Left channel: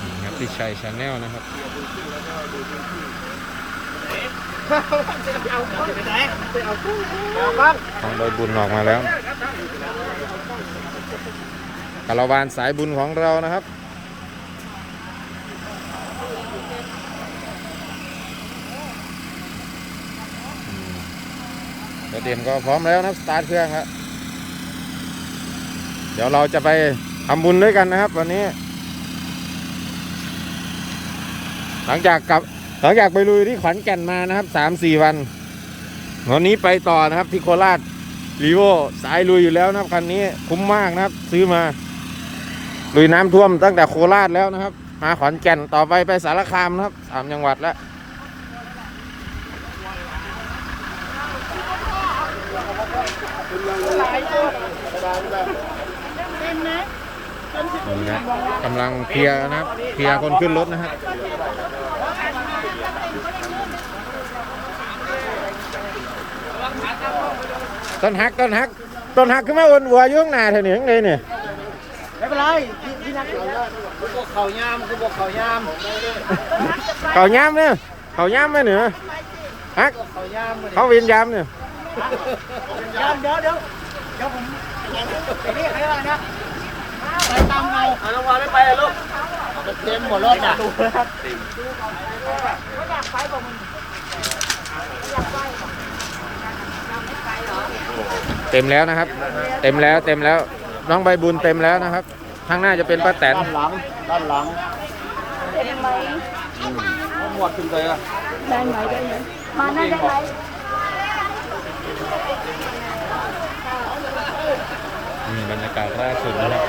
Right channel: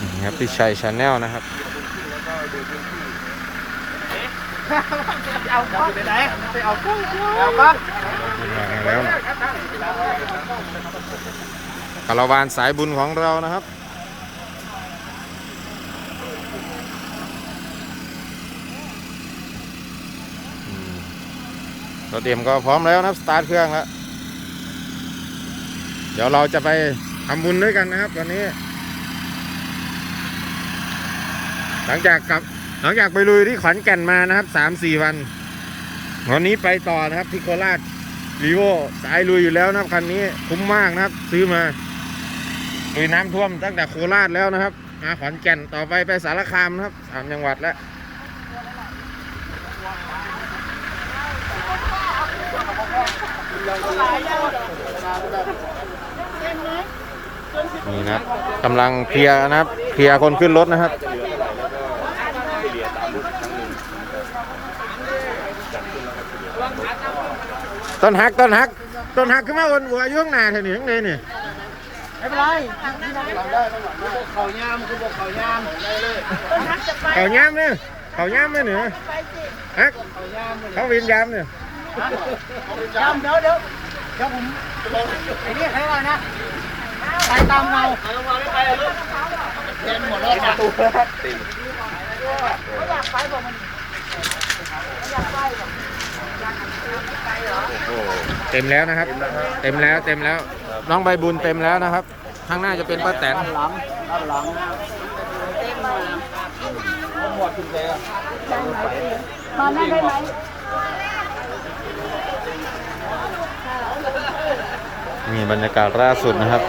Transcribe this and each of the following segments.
นี่ครับพี่ชัยชาแนลนะครับเดี๋ยวคุณขึ้นแล้วก็ดูพื้นที่เอากล้องไปไหนไปเอากล้องกล้องทางใบบุญออกมาแล้วนะคาราวานสายบุญของเรานะครับเราเตรียมก็พร้อมแล้วนะสตาร์ทเครื่องแล้ว เดี๋ยวเราจะไป ทำบุญด้วยกันนะครับ วันนี้ หลังจากกลับ หลังจากไปลุยที่ขอนแก่นมานะครับสามสี่วัน วันนี้ไปต่อนะครับที่โคราชรีโวสายลุยอยู่แล้วนะครับคันนี้คุ้มมากนะครับ ซื้อมาลุยน้ำท่วมตั้งแต่โคราชแล้วนะครับมาขอนแก่นต่อไปไปสารคามนะครับสามจังหวัดแล้ว นี่นะครับกำลังเคลียร์นะครับเคลียร์คนขึ้นรถนะครับต้นฮักต้นฮักต้นฮักขึ้นมาวนวัวอยุ่ข้างหน้าเถอะนี่ข้างในนี่ไม่เป็นไรพี่นักก่อนได้ต้องหลังได้เขายามคือบอกเขายามได้เลยเขาย้ำเนี่ยเขาย้ำไหมเหนือฮักเขาเวียนย้ำเนี่ยยามเดี๋ยวเดี๋ยวเดี๋ยวผมไอ้นี่ใครว่านะ ไปตามเงาระวังไม่ไปเลยลูกเต็มหมดแล้วอะเต็มแล้วนะครับ เต็มแล้วเต็มแล้ว น้องใบบุญเต็มแล้วนะครับ ข้างหน้าจะเป็นป้าแตนเอาหมวดขึ้นไปอะมานั่นได้ไหมนี่บรรยากาศล่าสุดนะครับ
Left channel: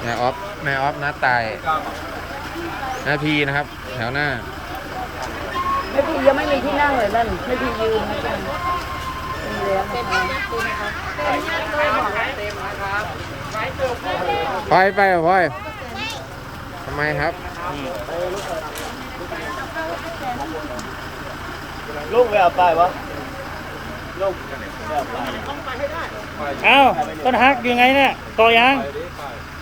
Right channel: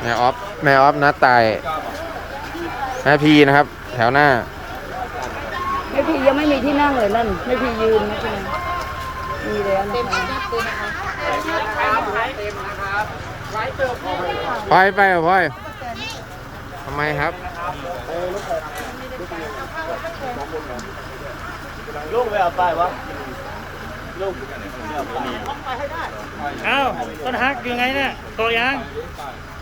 แม่ออฟแม่ออฟนัดตายแม่พีนะครับ แถวหน้าไม่พี่ยังไม่มีที่นั่งเลยนั่นไม่พี่ยืนนะจ๊ะมีแล้วนะคะพลอยไปเหรอพลอยทำไมครับลูกไม่เอาไปวะอ้าวต้นฮักอยู่ไงเนี่ยต่อยัง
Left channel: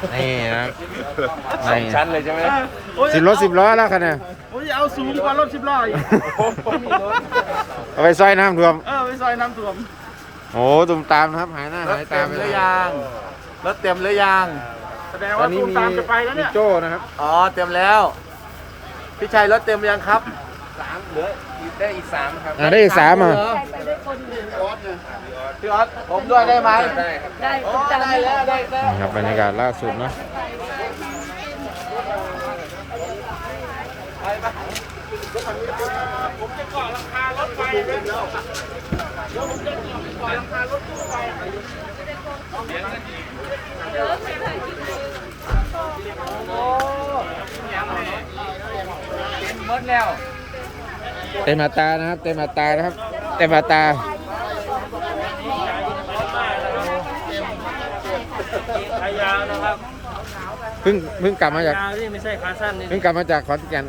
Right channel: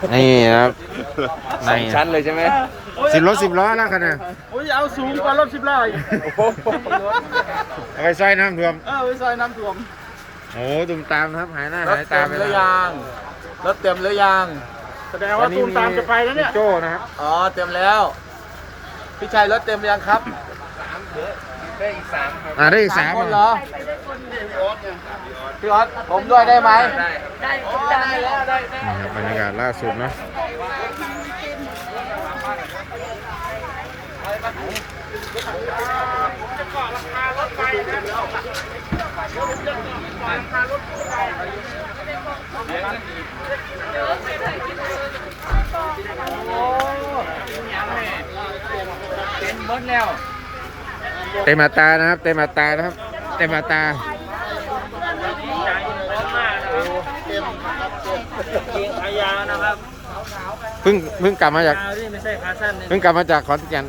ครับนี่ชั้นเลยใช่ไหมสิบรถสิบล้อแล้วคันเนี่ยโอ้ยเอาสูงกว่ารถสิบล้ออีกเอาไปซอยน้ำท่วมเออไปซอยน้ำท่วมโอ้ตุ่มตามนะครับหายหน้ารถหายเต็ตามไปหรืแล้วอยังรถเต็มหรือยังตอนนี้มีมีโจ้นะครับอ๋อเต็มแล้ว พี่ชัยรถเต็มหรือยังครับอ่าได้อีกสามคนอะเหรอ พี่ออสผมด้วยได้ไหมได้อ๋อตามได้แล้วได้แล้วนี่ครับบรรยากาศล่าสุดเนาะเต็มอัตรานะครับ เต็มอัตรานะครับ เต็มอัตราพร้อมมากนะครับเกงขายาวนะครับ เพิ่งเพิ่งกลับมาจากยาวนี่ไม่ใช่ขาสั้นนี่เพิ่งกลับมาจากขอนแก่น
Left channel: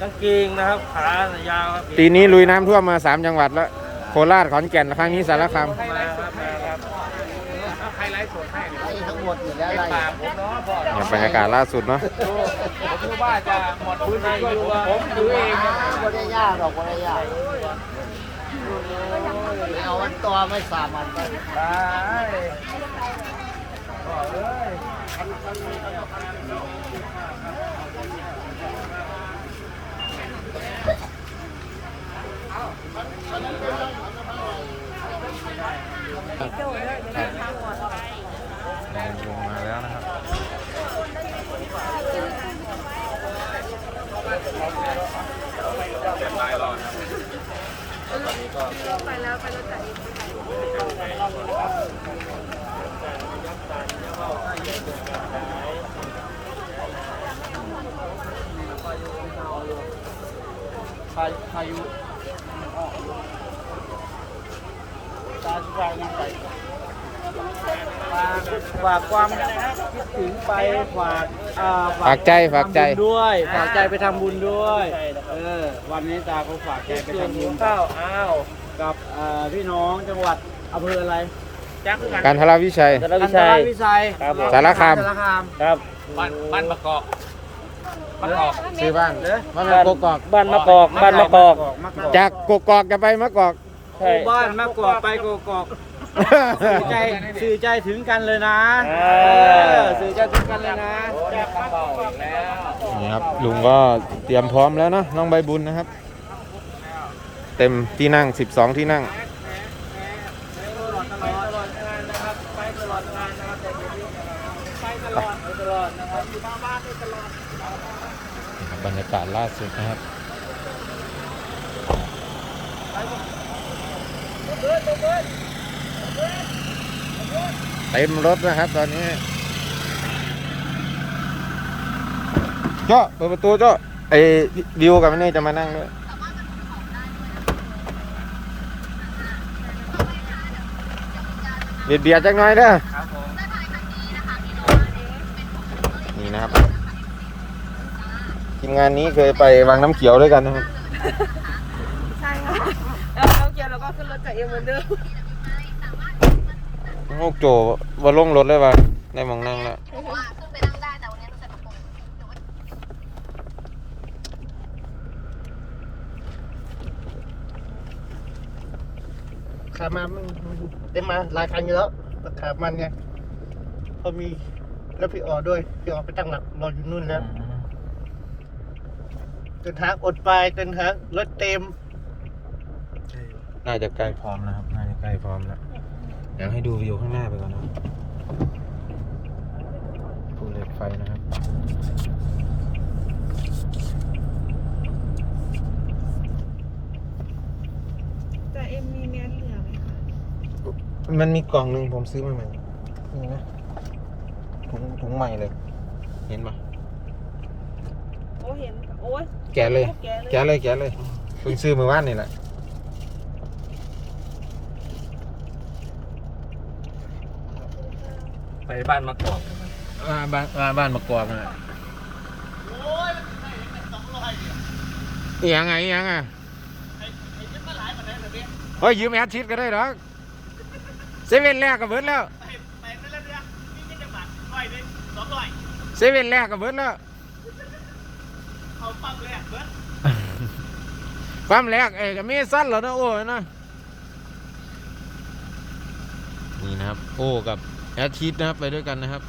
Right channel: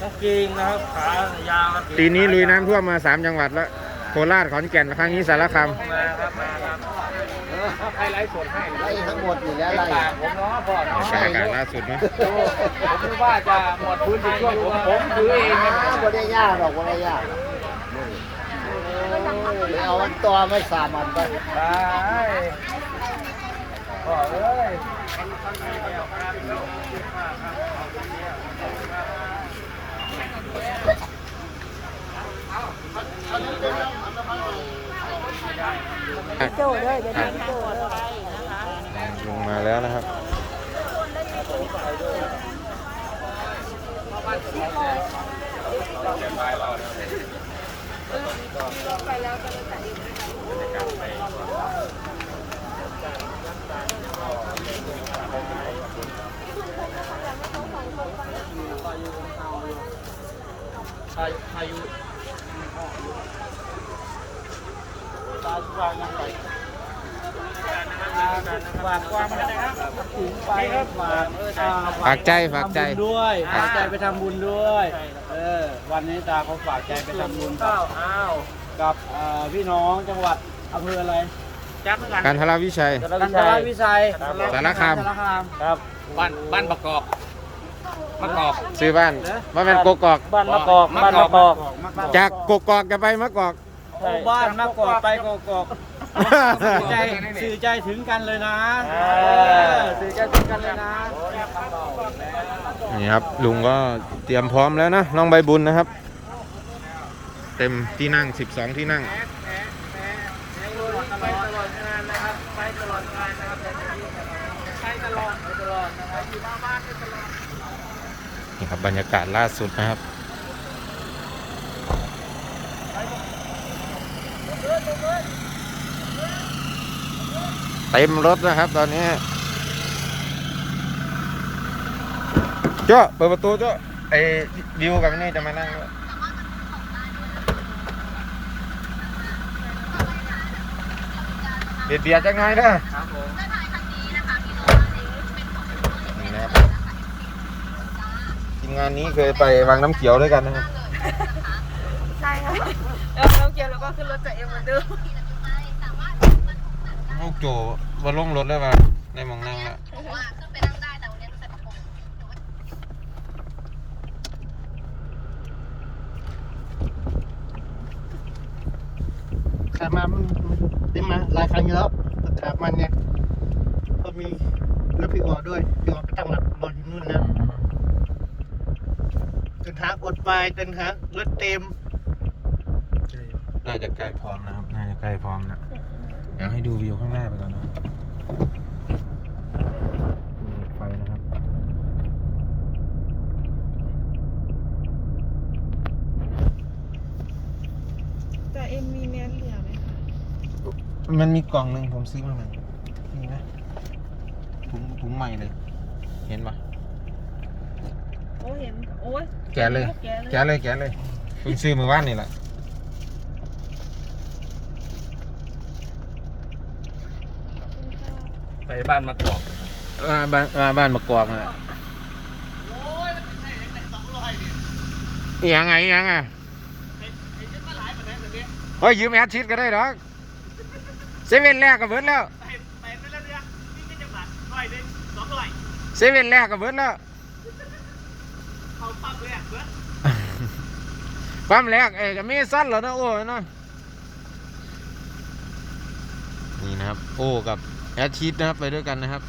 กางเกงนะครับขายาวครับปีนี้ลุยน้ำท่วมมาสามจังหวัดแล้วโคราชขอนแก่นครั้งนี้สารคามมาครับมาครับบรรยากาศล่าสุดเนาะ ว่าจะหมดพื้นที่อยู่ว่าดูเองนะไม่ได้ยากหรอกไม่ได้ยากไม่เอาวันต่อไม่สามวันก็โจ้เลยไปครับทำโจ้เลยนะครับลงมาแล้วนะครับรถไปแล้วไปรถจ่ายเองไปค่ะ พายุฝากฝากความคิดถึงไปฝากอ่ฝากใจฝากใจ ทำบุญด้วย ฝากใจไปทำบุญด้วย เออ วันนี้ตาเขาฝากใจไปทำบุญกับอ้าว กับเอ่อพี่น้องจังหวัดอำเภออะไร การทราวิชัย กันทรวิชัยสารคาม สารคาม ครับบ้านบ้านประกอบมะกอกซื้อบ้านเหรอว่ามันโกกอก บ้านมะกอกบ้านมะกอกมะกอกจากโกกอกจะไปมะกอก โอ้บ้านมะกอกไปกกอกสื่อใจสื่อใจถึงกันเลยนะเออสื่อใจถึงกันเลยนะ นี่ครับลุงก็เตรียมพร้อมแล้วนะน้องใบบุญนะครับ เต็มที่นั่ง 12 ที่นั่ง ดงานี่ครับบรรยากาศล่าสุดนะครับเต็มรถนะครับตอนนี้ เจ้าเปิดประตูเจ้าไอ้ดิวกับนี่จะมานั่งด้วย เบียดเบียดจักหน่อยเด้อครับผม นี่นะครับทีมงานนี้เคยไปวางน้ำเขียวด้วยกันนะครับเออน้องเกียวแล้วก็ขึ้นรถจากเอ็มเหมือนเดิมโอ้โจว่าลงรถเลยว่าได้มองนั่งแล้ว ขับมามันมันเต็มมาหลายครั้งอยู่แล้วขับมันไงเขามีรถพี่ออด้วยพี่ออไปตั้งหลักรออยู่นู่นนะจนทางอดไปจนทางรถเต็ม น่าจะใกล้พร้อมนะครับ น่าจะใกล้พร้อมแล้วเดี๋ยวให้ดูวิวข้างหน้าไปก่อนนะภูเหล็กไฟนะครับ แต่เอ็มมีเนื้อเหลือไหม มันมีกล่องหนึ่งผมซื้อมาใหม่นี่นะถุงถุงใหม่เลย เห็นปะโอ้เห็น โอ้ยแกะเลย แกะเลยแกะเลยเพิ่งซื้อเมื่อวานนี่แหละไปบ้านมะกอกอ่าบ้านอ่าบ้านมะกอกน่ะอีหยังไงอีหยังอะเฮ้ยยืมแอดชิดก็ได้หรอก เซเว่นแรกก็เบิดแล้วเซเว่นแรกก็เบิดแล้วปั๊มแรกเอ้ยก็มีสั้นแล้วนะโอ้ยนะนี่นะครับ โอ้กับแอดชิดนะครับไปด้วยกันนะครับ